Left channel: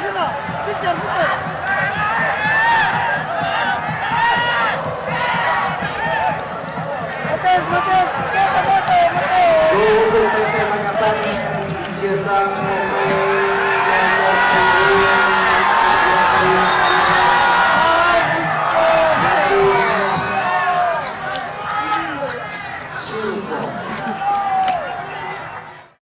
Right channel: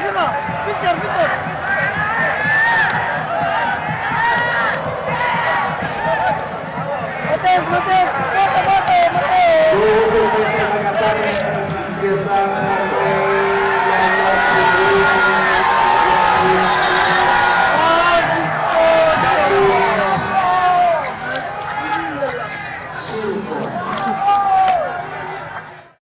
sila. Picture, picture. Mates, mates. Mate, mate, mate. Gugulo sa mga tao ng